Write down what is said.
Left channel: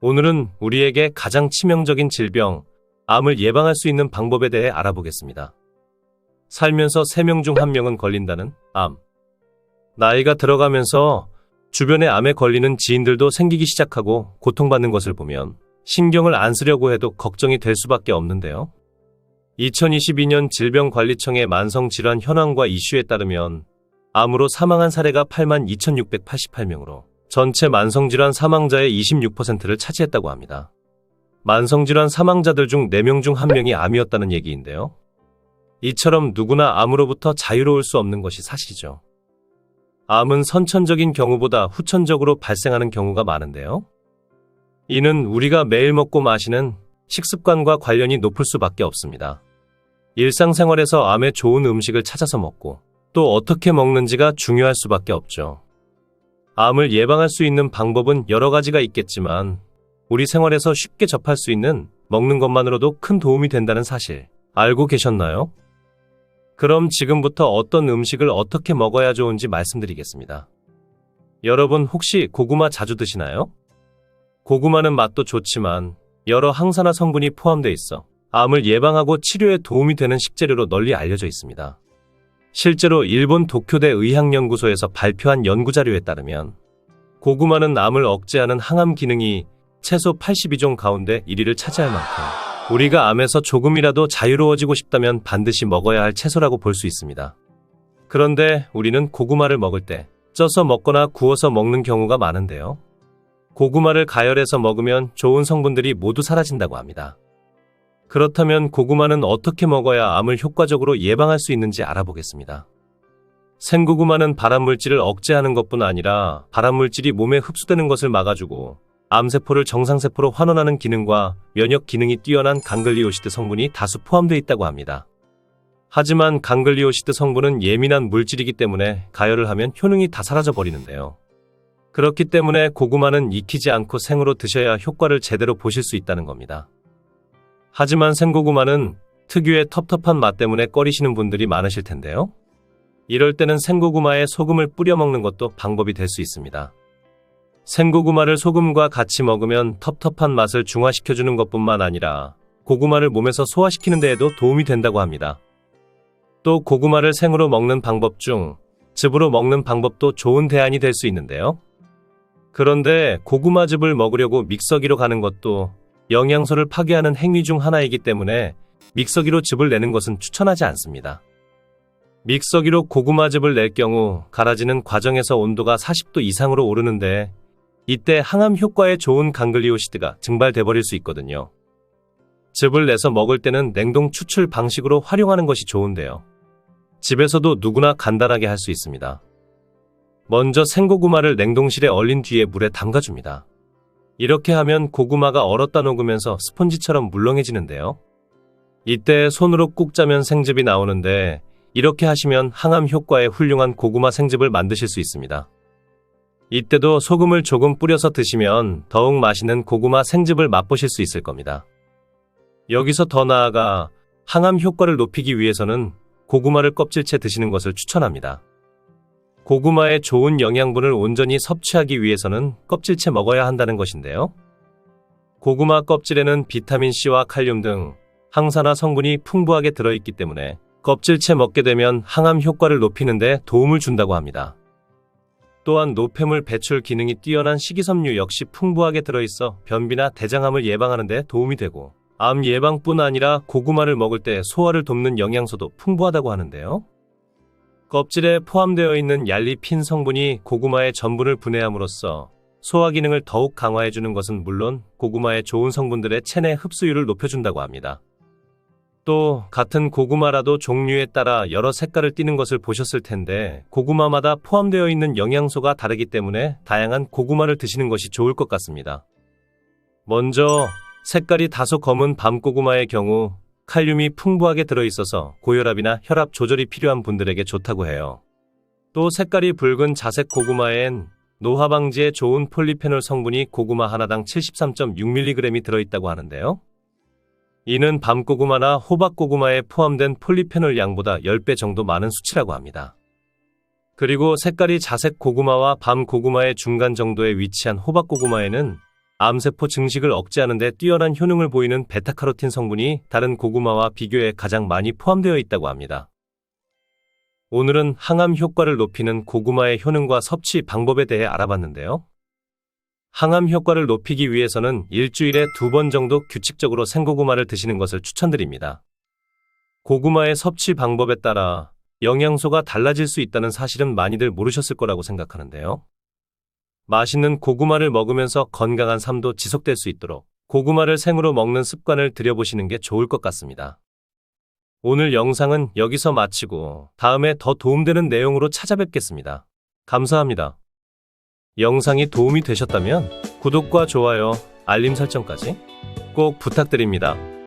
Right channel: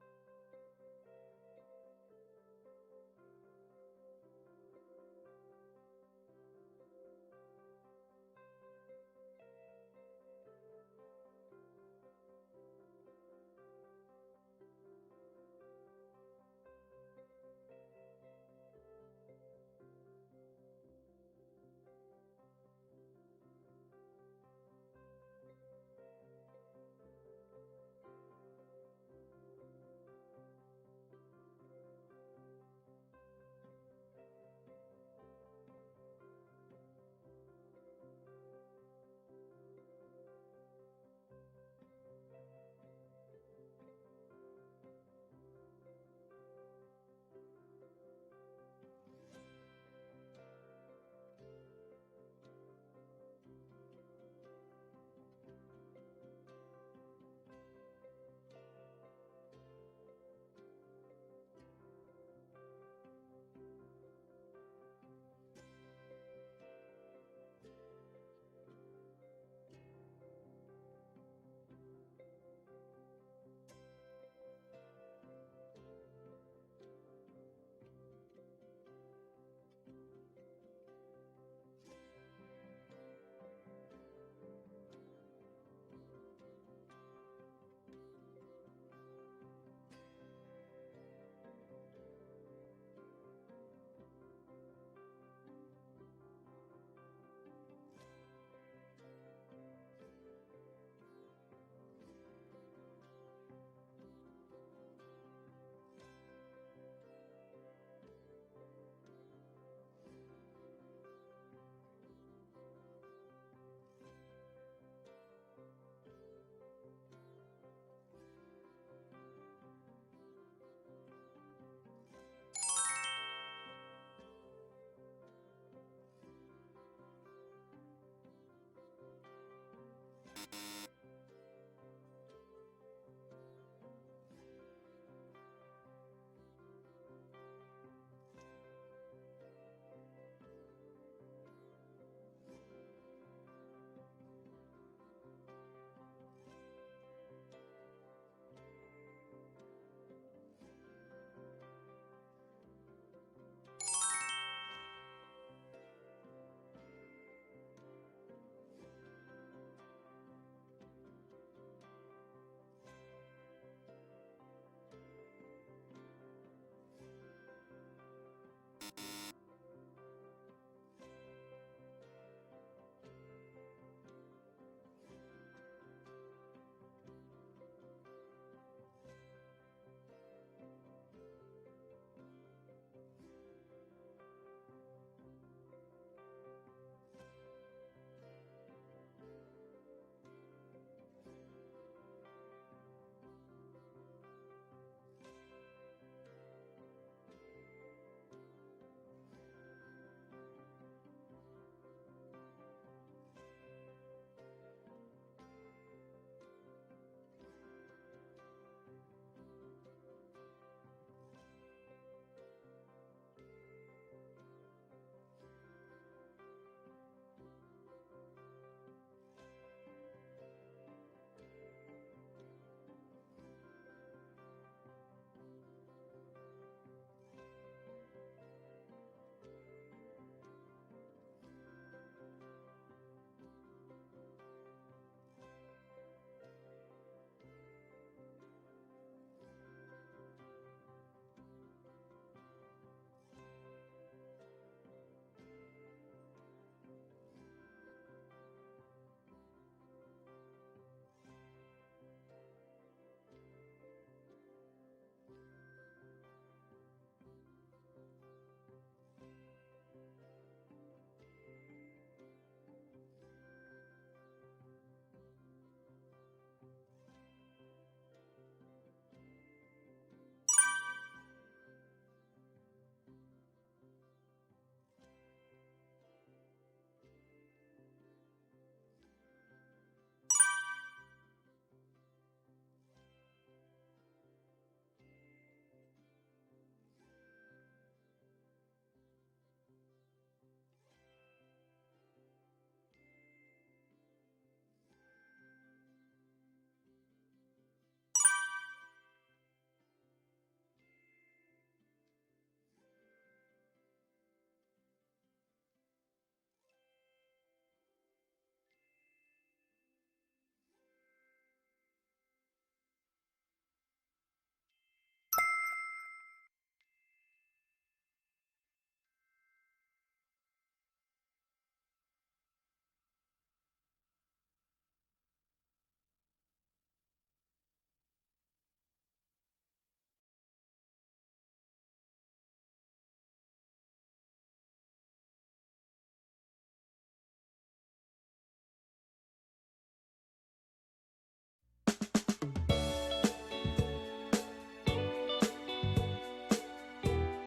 오늘은 우리에게 가장 치명적인 질병, 암을 예방할 수 있는 방법에 대해 알아보겠습니다. 살면서 3명 중 1명은 걸린다는 암. 나이가 들어가면서 주변에 암에 걸리는 지인들도 생기기 시작하고 고통받는 것을 보면 신경을 안 쓰려고 해도 걱정이 될 수밖에 없는데요. 2022년 질병관리청의 만성질환 현황과 이슈에 따르면 암으로 사망한 사례가 82,688명으로 전체 만성질환 사망자의 26%를 차지했다고 합니다. 만성질환 사망자들 중 4명 중 1명이 암이었다는 얘기인데요. 이처럼 누구나 암으로부터 자유로울 수 없는 것이 사실이죠. 암은 선천적인 경우보다 후천적으로 발생하는 경우가 많은데요. 이는 우리가 매일 먹고 마시는 식습관과 관련이 높을 수밖에 없습니다. 일상생활에서 암에 좋은 음식을 찾아서 먹고 또 어떻게 먹는지가 중요할 수밖에 없죠. 암을 예방할 수 있는 방법은 여러 가지가 있겠지만 우리 생활에서 쉽게 접할 수 있는 먹는 것만으로도 큰 도움이 된다는 사실 알고 계셨나요? 그럼 지금부터 어떤 음식을 어떻게 먹어야 좋은지 말씀드리겠습니다. 여러분 혹시 고구마 자주 드시나요? 고구마는 맛도 좋지만 여러 항산화 성분이 포함되어 있어 암을 예방하고 치료에 도움이 되는 식재료로 널리 알려져 있습니다. 실제로 일본 도쿄대 의학연구소에서 발표한 연구자료에 따르면 고구마는 암을 억제하는 항암 기능이 최소 82종 가운데 1위를 차지할 만큼 우리가 암에서 조금이라도 자유로워지고 싶다면 반드시 먹어야 할 채소라고 볼 수 있습니다. 그런데 우리는 고구마를 먹을 때 쪄서 먹거나 구워서 먹는 경우가 많은데요. 고구마를 가열해서 먹으면 좋은 성분들이 모두 사라진다고 합니다. 그렇다면 고구마는 어떻게 먹어야 암을 효과적으로 예방할 수 있는지 알아보겠습니다. 생고구마는 발암물질을 억제하는 것뿐 아니라 발암물질이 몸에 흡수되는 것을 막아주고 암세포를 정상세포로 환원하는 기능과 면역 기능이 뛰어난 강글리오시드 성분이 다수 포함되어 있다고 합니다. 하지만 강글리오시드 성분은 예민한 물질이기 때문에 가열을 하면 효능이 다 사라져 버리는데요. 그렇기 때문에 고구마는 익히지 않고 생으로 드셔야 효과를 제대로 보실 수 있다는 겁니다. 하지만 생고구마는 특유의 텁텁한 맛 때문에 꺼리시는 분들이 많으실 텐데요. 이럴 때는 생고구마에 소금을 뿌려 먹는 것도 방법이 될 수 있습니다. 생고구마를 소금과 같이 먹으면 텁텁한 맛을 중화시켜주는 것뿐만 아니라 고구마를 몸에서 소화시키는 데에도 도움이 된다고 합니다. 또 고구마를 생으로 먹는 방법 중 즙으로 먹는 방법도 좋은 대안이 될 수 있는데요. 그런데 고구마즙을 먹으려고 믹서기로 가는 것도 영양소를 파괴하는 행위 중 하나이기 때문에 믹서기로 즙을 내는 것은 추천하지 않습니다. 믹서기로 고구마즙을 낼 경우 갈아지는 과정에서 온도가 40도 이상으로 오르는데 이때 항암 효과에 좋은 강글리오시드가 증발돼 버릴 수 있거든요. 즙을 내서 먹을 때는 냉동 추출 방식으로 활용하는 것이 좋은데요. 집에서도 누구나 간단하게 할 수 있습니다. 먼저 생고구마를 냉동실에 얼린 뒤에 물에 담가줍니다. 이렇게 하면 고구마가 얼었다 녹으면서 스펀지처럼 물렁해지는데요. 이때 손으로 꾹 짜면 생즙이 나오는데 이렇게 하시면 항암 효과에 훌륭한 고구마 생즙을 만드실 수 있습니다. 이때도 소금을 조금 뿌려서 드시면 더욱 맛있는 고구마 생즙을 맛보실 수 있을 겁니다. 여기서 더 나아가 항암 효과를 높이기 위해서는 고구마를 껍질째 드시는 것을 추천합니다. 고구마의 좋은 영양분을 온전히 섭취하기 위해서는 껍질째 먹어야 한다는 것인데요. 고구마 껍질에는 비타민C와 칼륨 등 항산화 성분이 풍부하게 들어있기 때문에 껍질째 먹게 되면 항암 효과를 높이는 데 도움을 준다고 합니다. 또한 노폐물 배출 기능이 뛰어난 식이섬유 역시 풍부하게 들어있어 변비나 대장암을 예방하는 데 도움이 되고 암 예방뿐 아니라 고구마를 먹을 때 소화를 돕는 영양소도 풍부하다고 하는데요. 껍질에 포함되어 있는 얄리핀 성분이 고구마의 전분을 분해함으로써 소화 기능을 더욱 강화해주는 것은 물론 고구마의 좋은 성분들의 체내 흡수율을 높여준다고 합니다. 또 같은 고구마라도 종류에 따라 여러 색깔을 띠는 것을 보셨을 텐데 고구마마다 포함되어 있는 영양소가 다르기 때문에 다양한 고구마를 드시는 것이 좋을 것 같습니다. 먼저 색깔이 다소 검은 밤고구마의 경우 칼륨이 풍부하게 들어있어서 고혈압이나 혈압 조절이 필요한 분들에게 좋다고 해요. 또 색깔이 붉은 자색 고구마엔 노화 방지에 좋은 폴리페놀 성분이 고구마 하나당 73.6mg이 들어있다고 하는데요. 이는 밤고구마나 호박고구마에 포함된 폴리페놀 양보다 10배 정도 많은 수치라고 합니다. 그리고 색깔이 자색 고구마와 밤 고구마의 중간 정도에 위치한 호박 고구마에는 암세포 증식을 억제하는 데 뛰어난 효능을 보이는 베타카로틴 성분이 다른 고구마와 비교해 가장 많이 포함되어 있다고 합니다. 오늘은 항암 효과를 높이는 고구마의 효능과 섭취 방법에 대해 알아봤는데요. 항암 효과를 높이기 위해서는 일주일에 2번 정도 규칙적으로 생고구마를 드시는 것을 추천드립니다. 고구마의 섭취 방법에 따라 영양소가 달라질 수 있다는 사실은 많이들 모르셨을 거라고 생각하는데요. 맛있는 고구마를 먹으면서 건강한 삶도 지속될 수 있도록 고구마를 생으로 먹는 습관을 들여보시는 게 좋을 것 같습니다. 오늘 영상은 여기서 마치고 다음에 더 도움되는 내용으로 찾아뵙겠습니다. 감사합니다. 영상이 도움이 되셨다면 구독과 좋아요, 알림 설정까지 꼭 부탁드립니다.